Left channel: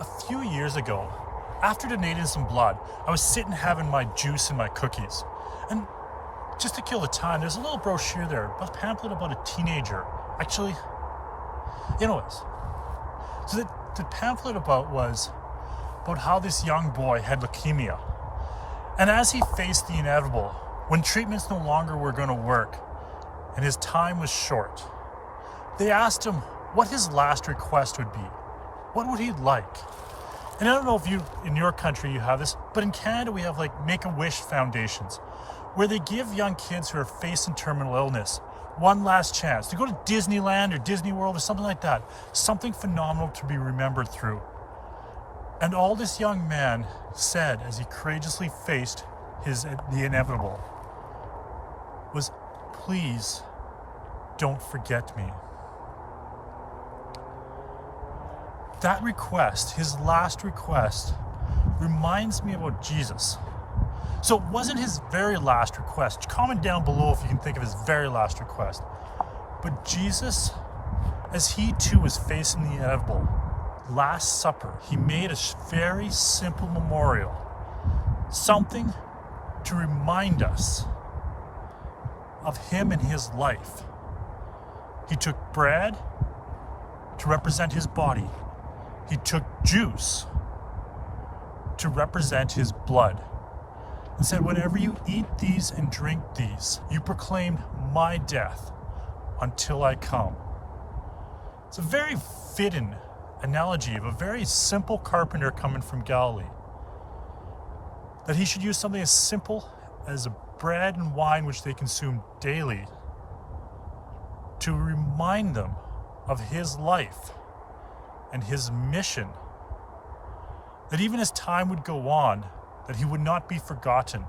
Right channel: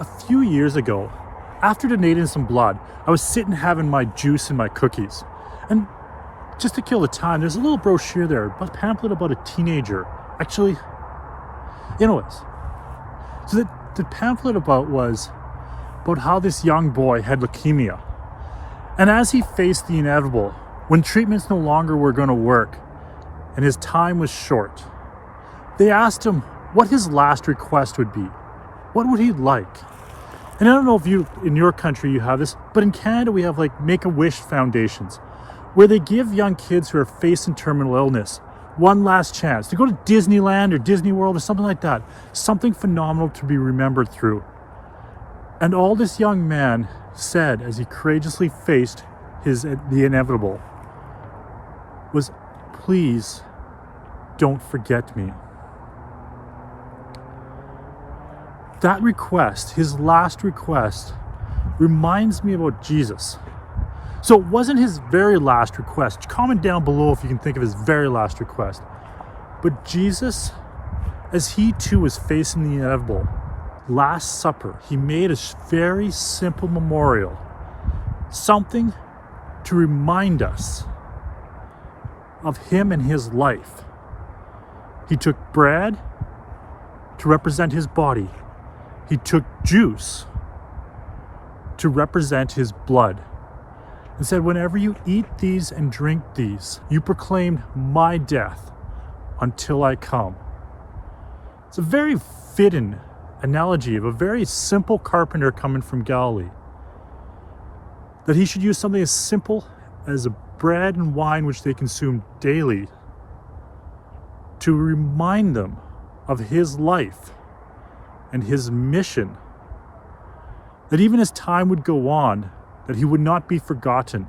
A few years ago, after donating some blood, I was sitting having my juice and my cookies. And just to kill the time, there's a little brochure there, a pamphlet about a teenager. Actually, anyways. So the pamphlet was about how this young boy had leukemia. And as he faced the inevitable, when treatments no longer were going to work and his time was short, they asked him what his last request would be. What would he like? And I don't know if in your country you have this, but in Canada we have like Make-A-Wish foundations where they give young kids who are facing terminal illness one last chance to go to Disneyland or Disney World or something like that. Something phenomenal to be remembered through. And all this young man said as he courageously faced the inevitable was, "Please don't forget me." That request, his last request, reminds me about Jesus. So it wasn't his very last request. Comment down below if you can think of his very last request. But Jesus, as he too was facing the inevitable, Last Supper, he made a very simple memorial, something to remind us of him and his life. He took bread to represent his body. He took juice to represent his blood and said, "Whenever you eat these and drink these, you proclaim my death until I come." It's a very fitting analogy of a very simple carpenter coming from Galilee, that he should use something as simple as a bread and wine which they consumed daily to remind them of his life and his mission, that even as time would go on, that he would not be forgotten.